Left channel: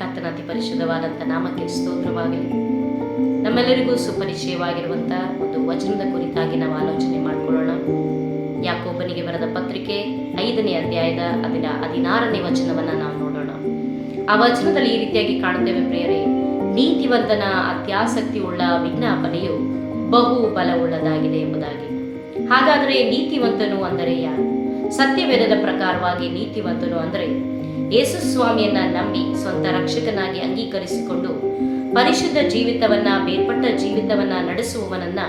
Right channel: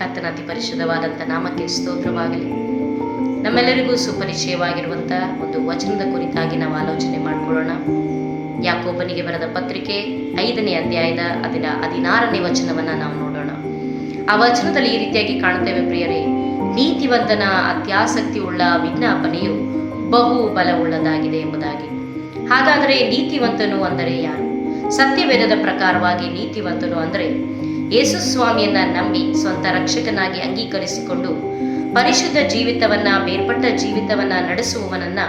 ಕರ್ತನ ಅತಿ ಪರಿಶುದ್ಧವಾದಂಥ ನಾಮಕ್ಕೆ ಸ್ತೋತ್ರವಾಗಲಿ. ನಮ್ಮೆಲ್ಲರಿಗೂ ಸುಪರಿಚಯವಾಗಿರುವಂಥ ಒಂದು ವಚನದ ಕುರಿತಾಗಿ ನಾವು ಆಲೋಚನೆ ಮಾಡಿಕೊಳ್ಳೋಣ. ಯಾಕೋಬನಿಗೆ ಬರೆದ ಪತ್ರಿಕೆ 5ನೇ ಅಧ್ಯಾಯದ 16ನೇ ವಚನವನ್ನು ನಾವು ನೋಡೋಣ. ಆ ವಚನದಲ್ಲಿ ಈ ರೀತಿಯಾಗಿ ಕಾಣುತ್ತೇವೆ, ಪ್ರಿಯರೇ, ನೀತಿವಂತನ ಅತ್ಯಾಸಕ್ತಿ ಉಳ್ಳ ವಿಜ್ಞಾಪನೆಯು ಬಹು ಬಲವುಳ್ಳದಾಗಿದೆ ಎಂಬುದಾಗಿ. ಹಾಗಾದರೆ ನೀತಿವಂತನು ಅಂದರೆ ಯಾರು? ಸತ್ಯವೇದದ ಪ್ರಕಾರವಾಗಿ ನೀತಿವಂತನು ಅಂದರೆ ಯೇಸು ಸ್ವಾಮಿಯನ್ನ ನಂಬಿ ಸ್ವಂತ ರಕ್ಷಕನಾಗಿ ಅಂಗೀಕರಿಸಿಕೊಂಡು ಪರಿಶುದ್ಧ ಜೀವಿತವನ್ನ, ಬೇರ್ಪಟ್ಟ ಜೀವಿತವನ್ನ ನಡೆಸುವವನನ್ನ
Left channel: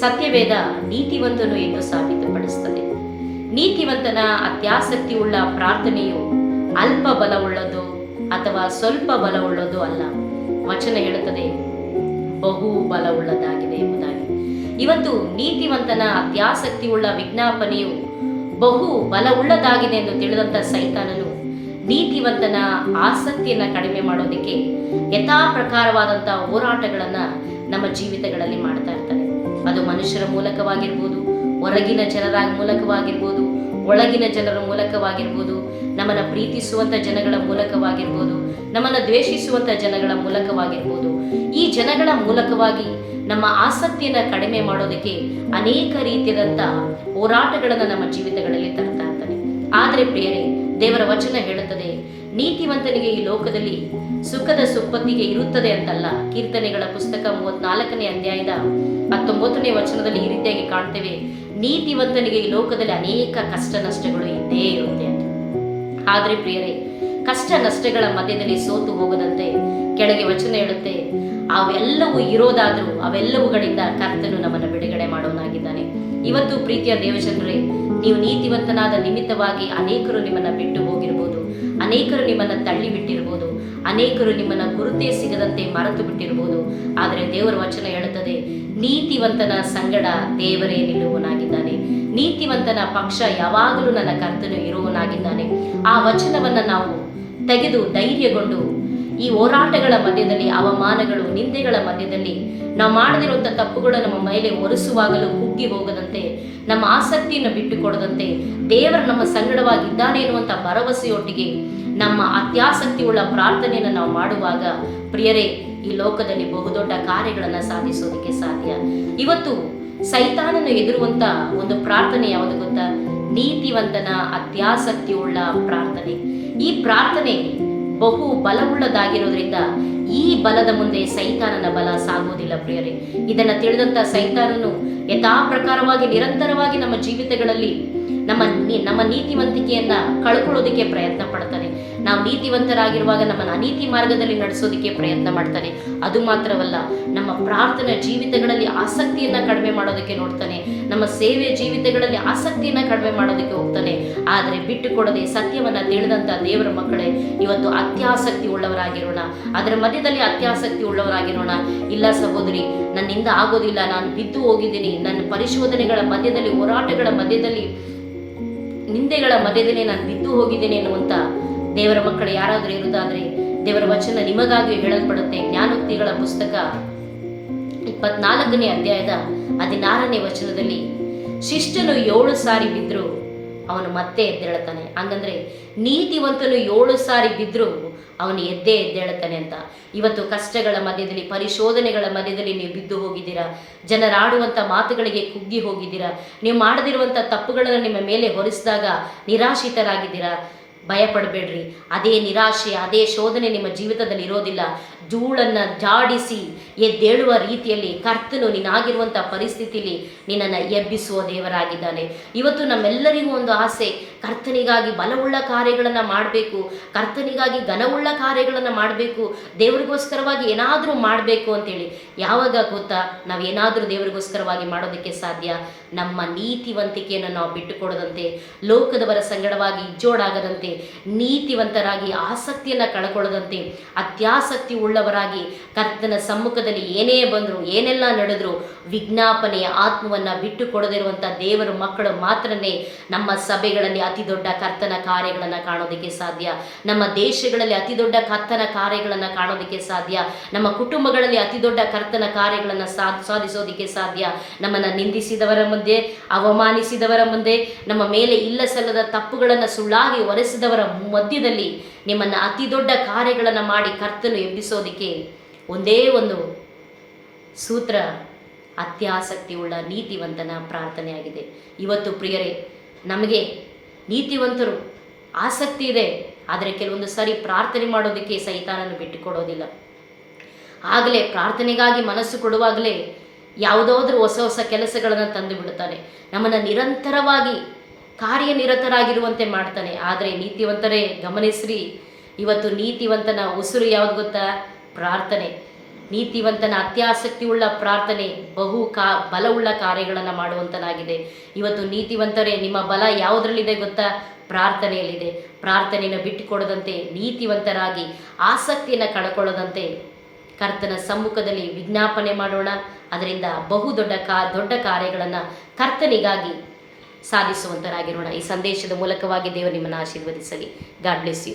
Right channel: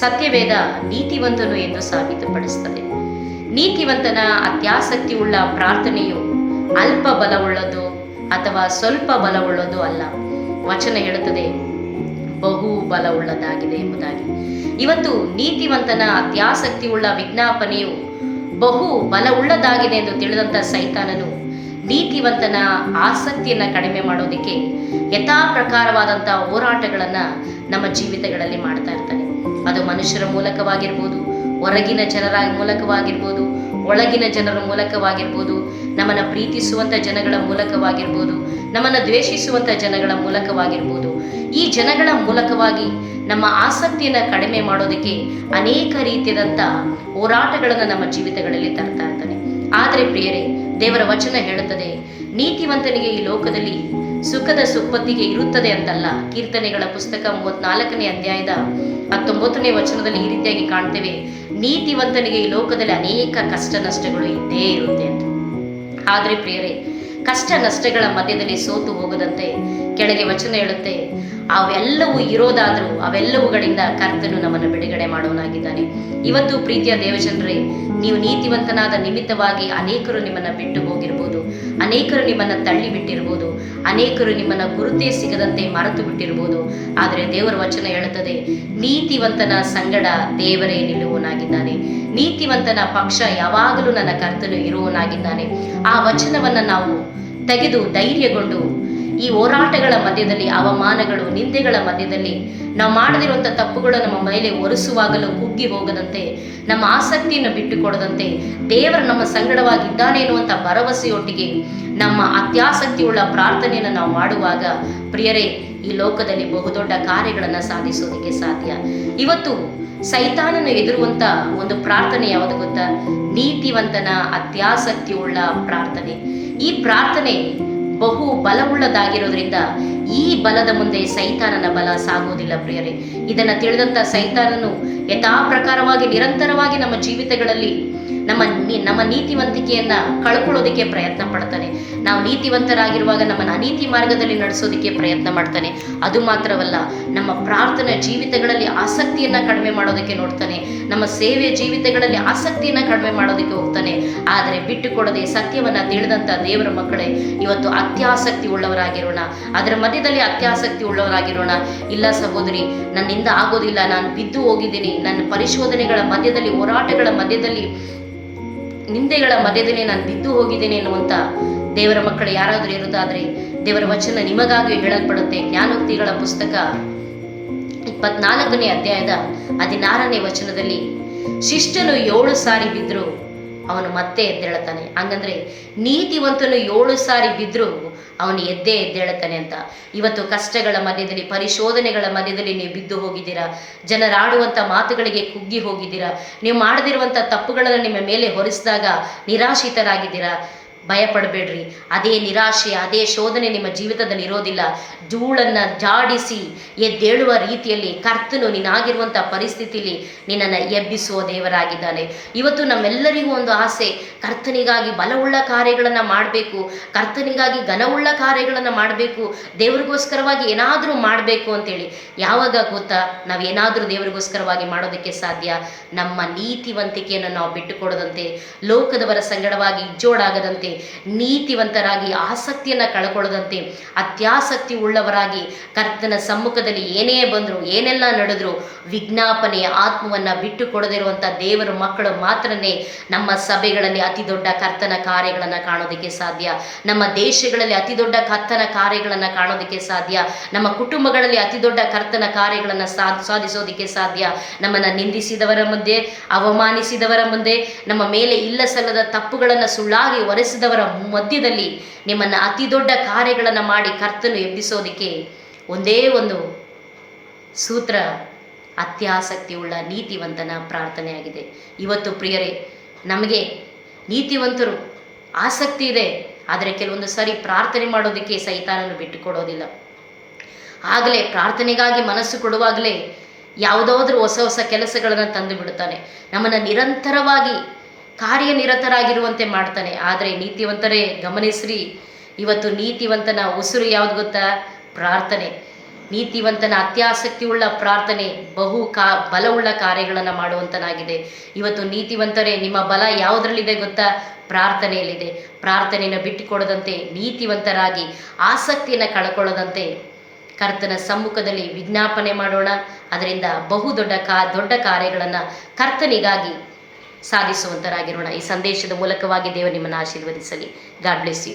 ಸತ್ಯವೇದ ನೀತಿವಂತನು ಎಂದು ಸಾಬೀತುಪಡಿಸುತ್ತದೆ. ನೀತಿವಂತನ ಅತ್ಯಾಸಕ್ತಿ ಉಳ್ಳ ಪ್ರಾರ್ಥನೆಯು ಅಲ್ಪ ಬಲವುಳ್ಳದು ಅಥವಾ ಸ್ವಲ್ಪ ಬಲವುಳ್ಳದು ಅಲ್ಲ. ವಚನ ಹೇಳುತ್ತದೆ ಬಹು ಬಲವುಳ್ಳದಾಗಿದೆ ಎಂಬುದಾಗಿ. ಇವತ್ತು ನೀತಿವಂತನ ಅತ್ಯಾಸಕ್ತಿ ಉಳ್ಳ ವಿಜ್ಞಾಪನೆಯು ಬಹು ಬಲವುಳ್ಳದಾಗಿದೆ ಎಂದು ತಿಳಿದಂಥ ಸೈತಾನನು ನೀತಿವಂತನ ಆಸಕ್ತಿಯನ್ನು ಕಡಿಮೆ ಮಾಡೋದಕ್ಕೆ ಯಥಾ ಪ್ರಕಾರವಾದಂಥ ಹೋರಾಟಗಳನ್ನು ನಮ್ಮ ಜೀವಿತಗಳಲ್ಲಿ ಮಾಡ್ತಾ ಇರ್ತಾನೆ. ಅದು ಮನುಷ್ಯರ ಮೂಲಕವಾಗಿರ್ಬೋದು, ಹೊರಗಿನ ಜನರ ಮೂಲಕವಾಗಿರ್ಬೋದು, ಒಳಗಿನ ಜನರ ಮೂಲಕವಾಗಿರ್ಬೋದು, ನಮ್ಮನ್ನು ಪ್ರೀತಿಸುವಂಥ ಜನಗಳ ಮೂಲಕವಾಗಿರ್ಬೋದು, ನಮ್ಮನ್ನು ದ್ವೇಷಿಸುವಂಥ ಜನಗಳ ಮೂಲಕವಾಗಿರ್ಬೋದು. ಈ ಜನಗಳ ಮೂಲಕವಾಗಿ ನಮ್ಮ ಆಸಕ್ತಿಯನ್ನು ಕಡಿಮೆ ಮಾಡೋದಕ್ಕೆ ಅನೇಕ ರೀತಿಯಾದಂಥ ಹೋರಾಟಗಳನ್ನು ನಮ್ಮ ಜೀವಿತಗಳಲ್ಲಿ ತರ್ತಾ ಇರ್ತಾನೆ. ಆದರೆ ಪ್ರಿಯರೇ, ದೇವರ ವಚನ ಹೇಳುತ್ತದೆ, ನೀತಿವಂತನಿಗೆ ಈ ಲೋಕದಲ್ಲಿ ಸುಖದ ಸುಪ್ಪತ್ತಿಗೆ ಇರುತ್ತದೆ ಅಂತಲ್ಲ. ಕೀರ್ತನೆಗಳ ಪುಸ್ತಕ 34ನೇ ಅಧ್ಯಾಯದ 19ನೇ ವಚನದಲ್ಲಿ ಈ ರೀತಿಯಾಗಿ ಕಾಣ್ತೇವೆ, ನೀತಿವಂತನಿಗೆ ಈ ಲೋಕದಲ್ಲಿ ಅನೇಕ ಕಷ್ಟ ನಷ್ಟಗಳು ಇದ್ದೇ ಇರುತ್ತೆ ಅಂತ. ಆದರೆ ಪ್ರಿಯರೇ, ಕಷ್ಟ ನಷ್ಟಗಳ ಮಧ್ಯದಲ್ಲಿ ಸೋತು ಹೋಗದಂತೆ ಕೆಳಗೆ ವಚನ ಹೇಳುತ್ತೆ, ಅವೆಲ್ಲವೂ ಇರೋದಾದರೂ ಅವೆಲ್ಲವುಗಳಿಂದ ಕರ್ತನು ನಮ್ಮನ್ನು ಬಿಡುಗಡೆ ಮಾಡೋನಾಗಿದ್ದಾನೆ. ಇವತ್ತು ಪ್ರೀತಿಯ ದೇವಜನರೇ, ನೀವು ನೀತಿವಂತನಾದ ನಿಮಿತ್ತವಾಗಿ ಅನೇಕರು ನಿಮ್ಮನ್ನು ಬಿಟ್ಟು ಹೋಗಿರ್ಬೋದು, ಅನೇಕರು ನಿಮ್ಮನ್ನು ತಳ್ಳಿ ಬಿಟ್ಟಿರ್ಬೋದು, ಅನೇಕರು ನಿಮ್ಮನ್ನು ಗುರುತೇ ಸಿಗದಂತೆ ಮರೆತು ಬಿಟ್ಟಿರ್ಬೋದು. ಆದರೆ ದೇವರ ವಚನ ಹೇಳುತ್ತದೆ, ನೀತಿವಂತನ ಸಂಗಡ ದೇವರೇ ನಿಲ್ಲುವನಾಗಿದ್ದಾನೆ, ನೀತಿವಂತನ ಪಕ್ಷ ಯಾವಾಗಲೂ ನನ್ನ ಕರ್ತನು ಇರುವನಾಗಿದ್ದಾನೆ. ಆ ವಚನವನ್ನು ನಾವು ತೆಗೆದು ಧೈರ್ಯಗೊಂಡು ಈ ಹೋರಾಟಗಳ ಮಧ್ಯದಲ್ಲಿ, ಅವಮಾನಗಳು, ನಿಂದೆಗಳ ಮಧ್ಯದಲ್ಲಿ ನಾವು ಮಾಡದಿರುವಂಥ ತಪ್ಪುಗಳು ನಮ್ಮ ಮೇಲೆ ಒರೆಸುವಾಗಲೂ ಕುಗ್ಗಿ ಹೋಗದಂತೆ, ನಮ್ಮ ಆಸಕ್ತಿಯನ್ನು ಬಿಟ್ಟುಕೊಡದಂತೆ ದೇವರು ನಮ್ಮ ಸಂಗಡವಾಗಿದ್ದಾನೆ ಎನ್ನುವಂಥ ಭರವಸೆಯೊಟ್ಟಿಗೆ ನಮ್ಮ ಅತ್ಯಾಸಕ್ತಿ ಉಳ್ಳ ಪ್ರಾರ್ಥನೆಯನ್ನು ನಾವು ಮಾಡುವಾಗ ಪ್ರಿಯರೇ, ಈ ಲೋಕದಲ್ಲಿ ಬಹುದೊಡ್ಡ ಕಾರ್ಯಗಳನ್ನು ಸಾಧಿಸೋದಕ್ಕೆ ಸಾಧ್ಯ. ಇವತ್ತು ಸೈತಾನನ ಎದುರುವಂಥ ಒಂದು ಪ್ರಾರ್ಥನೆ ಯಾವುದು ಗೊತ್ತಾ? ನೀತಿವಂತನ ಅತ್ಯಾಸಕ್ತಿ ಉಳ್ಳ ಪ್ರಾರ್ಥನೆ. ಈ ಪ್ರಾರ್ಥನೆ ಬಹು ಬಲವುಳ್ಳದಾಗಿರೋದ್ರಿಂದ ಈ ಬಲದ ಮುಂದೆ ಸೈತಾನನ ಬಲ ಸಾಗೋದಿಲ್ಲ ಪ್ರಿಯರೇ. ಇದನ್ನು ತಿಳಿದಂಥ ಸೈತಾನನು ಯಥಾ ಪ್ರಕಾರವಾಗಿ ನಿರಂತರವಾಗಿ ನಮ್ಮ ಜೀವಿತಗಳಲ್ಲಿ ನಮ್ಮ ನೀತಿವಂತಿಕೆಯನ್ನ ಕಳ್ಕೊಳ್ಳೋದಕ್ಕೆ ಪ್ರಯತ್ನ ಪಡ್ತಾನೆ. ನಾವು ನೀತಿವಂತರಾಗಿರುವಾಗ ನಮ್ಮನ್ನು ಅನೀತಿ ಮಾರ್ಗದಲ್ಲಿ ನಡೆಸೋದಕ್ಕೆ ಪ್ರಯತ್ನ ಮಾಡ್ತಾನೆ. ಅದು ಮಾತ್ರವಲ್ಲ, ನಮ್ಮ ಪ್ರಾರ್ಥನಾ ಜೀವಿತಗಳಲ್ಲಿ ಆಸಕ್ತಿಯನ್ನ ಕಡಿಮೆ ಮಾಡೋದಕ್ಕೆ ನೋಡ್ತಾನೆ, ನಮ್ಮ ಸೇವೆ ಜೀವಿತಗಳಲ್ಲಿ ಆಸಕ್ತಿಯನ್ನ ಕಡಿಮೆ ಮಾಡೋದಕ್ಕೆ ಹೋಗ್ತಾನೆ. ಆದರೆ ಬಿಟ್ಟುಕೊಡದೆ ಸತ್ಯವನ್ನ ತಿಳಿದಂಥ ದೇವರ ಮಕ್ಕಳೇ, ಇವತ್ತು ಅತ್ಯಾಸಕ್ತಿ ಉಳ್ಳವರಾಗಿರೋಣ, ಅದರ ಮಧ್ಯದಲ್ಲಿ ಅತ್ಯಾಸಕ್ತಿ ಉಳ್ಳವರಾಗಿರೋಣ. ಇಲ್ಲ ಸಹೋದರಿ, ನನ್ನಿಂದ ಆಗೋದಿಲ್ಲ, ನಾನು ಬಿದ್ದು ಹೋಗಿದ್ದೀನಿ, ನನ್ನ ಪರಿಶೋಧನೆಗಳ ಮಧ್ಯದಲ್ಲಿ, ಹೋರಾಟಗಳ ಮಧ್ಯದಲ್ಲಿ, ನಿಂದೆಗಳ ಮಧ್ಯದಲ್ಲಿ ನಾನು ಬಿದ್ದು ಹೋಗಿದ್ದೇನೆ ಎನ್ನುವಂಥ ದೇವರ ಮಕ್ಕಳು ಯಾರಾದರೂ ಇರುವುದಾದರೆ ದೇವರ ವಚನ ನಿಮಗಾಗಿ ಹೇಳಲ್ಪಡುತ್ತೆ. ಜ್ಞಾನೋಕ್ತಿಗಳ ಪುಸ್ತಕ 24ನೇ ಅಧ್ಯಾಯದ 16ನೇ ವಚನದಲ್ಲಿ, ಶಿಷ್ಟನು 7 ಸಾರಿ ಬಿದ್ದರೂ ಅವನು ಮತ್ತೆ ಎದ್ದೇಳ್ತಾನೆ. ಹಂಗಂದ್ರೆ ನೀತಿವಂತನು 7 ಸಾರಿ ಬಿದ್ದರೂ ಅವನು ಎದ್ದೇಳ್ತಾನೆ ಅಂತ. ಇವತ್ತು ಕಷ್ಟಗಳ ಮಧ್ಯದಲ್ಲಿ, ಪರಿಶೋಧನೆಗಳ ಮಧ್ಯದಲ್ಲಿ ನೀವು ಬಿದ್ದು ಹೋಗಿದ್ದೀರಾ, ಜನರಾಡುವಂಥ ಮಾತುಗಳಿಗೆ ಕುಗ್ಗಿ ಹೋಗಿದ್ದೀರಾ, ನೀವು ಮಾಡದಿರುವಂಥ ತಪ್ಪುಗಳನ್ನು ನಿಮ್ಮ ಮೇಲೆ ಹೊರಿಸಿದಾಗ ನಿರಾಶಿತರಾಗಿದ್ದೀರಾ. ಭಯಪಡಬೇಡ್ರಿ, ಅದೇ ನಿರಾಶೆ, ಅದೇ ಶೋಧನೆ ನಿಮ್ಮ ಜೀವಿತದಲ್ಲಿ ಇರೋದಿಲ್ಲ. ಧೂಳನ್ನು ಜಾಡಿಸಿ ಎದ್ದೇಳುವ ರೀತಿಯಲ್ಲಿ ಕರ್ತನು ನೀನಾಗಿರುವಂಥ ಪರಿಸ್ಥಿತಿಯಲ್ಲಿ ನಿನ್ನನ್ನು ಎಬ್ಬಿಸುವ ದೇವರಾಗಿದ್ದಾನೆ. ಇವತ್ತು ನಮ್ಮೆಲ್ಲರಿಗೂ ಒಂದು ಆಸೆ, ಕರ್ತನಿಗಾಗಿ ಬಲವುಳ್ಳ ಕಾರ್ಯಗಳನ್ನು ಮಾಡಬೇಕು, ಕರ್ತನಿಗಾಗಿ ಘನವುಳ್ಳ ಕಾರ್ಯಗಳನ್ನು ಮಾಡಬೇಕು, ದೇವರಿಗೋಸ್ಕರವಾಗಿ ಏನಾದರೂ ಮಾಡಬೇಕು ಅಂತೇಳಿ. ಯಾವಾಗ ಗೊತ್ತಾ ನಾವೇನಾದರೂ ದೇವರಿಗೋಸ್ಕರವಾಗಿ ಮಾಡೋದಕ್ಕೆ ಸಾಧ್ಯ? ನಮ್ಮ ನೀತಿವಂತಿಕೆಯನ್ನು ನಾವು ಬಿಟ್ಟುಕೊಡದಂತೆ, ಲೋಕದವರ ಸಂಗಡವಾಗಿ ಇಜ್ಜೋಡಾಗದಂತೆ, ನೀತಿವಂತರಾಗಿ ಆಸಕ್ತಿಯನ್ನು ಕಳ್ಕೊಳ್ಳದಂತೆ, ಅತ್ಯಾಸಕ್ತಿ ಉಳ್ಳವರಾಗಿ ಕರ್ತನ ಸಮ್ಮುಖದಲ್ಲಿ ಏನೇ ಬಂದರೂ, ಏನೆಲ್ಲ ನಡೆದರೂ ವಿಜ್ಞಾಪನೆಯ ಆತ್ಮವನ್ನು ಬಿಟ್ಟು ಕೊಡದಿರುವಂಥ ದೇವರ ಮಕ್ಕಳು ಮಾತ್ರನೇ ನಮ್ಮ ಸಭೆಗಳಲ್ಲಿ ಅತಿ ದೊಡ್ಡ ಕರ್ತನ ಕಾರ್ಯಗಳನ್ನು ಕಾಣೋದಕ್ಕೆ ಸಾಧ್ಯ. ನಮ್ಮ ದೇಶಗಳಲ್ಲಿ ಅತಿ ದೊಡ್ಡ ಕರ್ತನ ಕಾರ್ಯಗಳನ್ನು ಕಾಣೋದಕ್ಕೆ ಸಾಧ್ಯ. ನಮ್ಮ ಕುಟುಂಬಗಳಲ್ಲಿ ಅತಿ ದೊಡ್ಡ ಕರ್ತನ ಕಾರ್ಯಗಳನ್ನು ಸಾಧಿಸೋದಕ್ಕೆ ಸಾಧ್ಯ. ನಮ್ಮನ್ನು ನಿಂದಿಸಿದವರ ಮುಂದೆ, ಅವಮಾನಿಸಿದವರ ಮುಂದೆ, ನಮ್ಮ ಮೇಲೆ ಇಲ್ಲ ಸಲ್ಲದ ತಪ್ಪುಗಳನ್ನು ಸುಳ್ಳಾಗಿ ಹೊರೆಸಿದ ಮನವೊಲಿಸಿದವರ ಮಧ್ಯದಲ್ಲಿ ನಿಮ್ಮನ್ನು ಅತಿ ದೊಡ್ಡ ಕಾರ್ಯಗಳನ್ನು ಮಾಡಿ ಕರ್ತನು ಎಬ್ಬಿಸೋದಕ್ಕೆ ಒಂದೇ ಒಂದು ಸೂತ್ರ, ಅತ್ಯಾಸಕ್ತಿಯುಳ್ಳ ನೀತಿವಂತನ ಪ್ರಾರ್ಥನೆಯಾಗಿದೆ. ಇವತ್ತು ಪ್ರಿಯರೇ, ನಮಗೆ ನೀತಿವಂತರು ಆಸಕ್ತಿ ಇದೆ, ಆದರೆ ಕೆಲವೊಂದು ಸಾರಿ ಪ್ರಾರ್ಥನೆ ಮಾಡೋದಕ್ಕೆ ಸೈತಾನನು ಬಿಟ್ಟುಕೊಡೋದಿಲ್ಲ. ಆಗಲೇ ಪ್ರಾರ್ಥನೆಗಾಗಿ ಮನಸ್ಸು ಕೊಡುವಾಗಲೇ ಯಾವುದಾದ್ರೂ ಹೊಸ ಹೊಸ ಕೆಲಸಗಳನ್ನು ತಂದು ಬಿಡುತ್ತಾನೆ, ನಮ್ಮನ್ನು ನಿರಂತರವಾಗಿ ಕಾರ್ಯನಿರತರಾಗಿರುವಂತೆ ಮಾಡ್ತಾನೆ. ಆದರೆ ನೀತಿವಂತರೇ ಗಮನಿಸ್ರಿ, ಇವತ್ತು ನೀತಿವಂತನ ಉಸಿರು ಯಾವುದು ಗೊತ್ತಾ? ಪ್ರಾರ್ಥನೆ. ನೀತಿವಂತನ ಅತ್ಯಾಸಕ್ತಿಯುಳ್ಳ ಪ್ರಾರ್ಥನೆ ಬಲವುಳ್ಳ ಕಾರ್ಯಗಳನ್ನು ಮಾಡುವಂತನಾಗಿದೆ. ಇವತ್ತು ನೀತಿವಂತರೇ, ನಿಮ್ಮ ಬಲ ಯಾವುದರಲ್ಲಿದೆ ಗೊತ್ತಾ? ಪ್ರಾರ್ಥನೆಯಲ್ಲಿದೆ. ಪ್ರಾರ್ಥನೆಯನ್ನು ಬಿಟ್ಟುಕೊಡದಂತೆ, ನೀತಿವಂತರಾಗಿ ಆಸಕ್ತಿಯನ್ನು ಕಳ್ಕೊಳ್ಳದಂತೆ ಕರ್ತನ ಸಮ್ಮುಖದಲ್ಲಿ ವಿಜ್ಞಾಪನೆ ಮಾಡೋಣ. ಅದರಿಂದ ದೊಡ್ಡ ಕಾರ್ಯಗಳನ್ನು ಕರ್ತನಿಗಾಗಿ ಸಾಧಿಸುವಂತರಾಗಿರೋಣ. ಈ ಸಂದೇಶದ ಮೂಲಕವಾಗಿ ದೇವರು ನಿಮ್ಮನ್ನು ಆಶೀರ್ವದಿಸಲಿ. God bless you.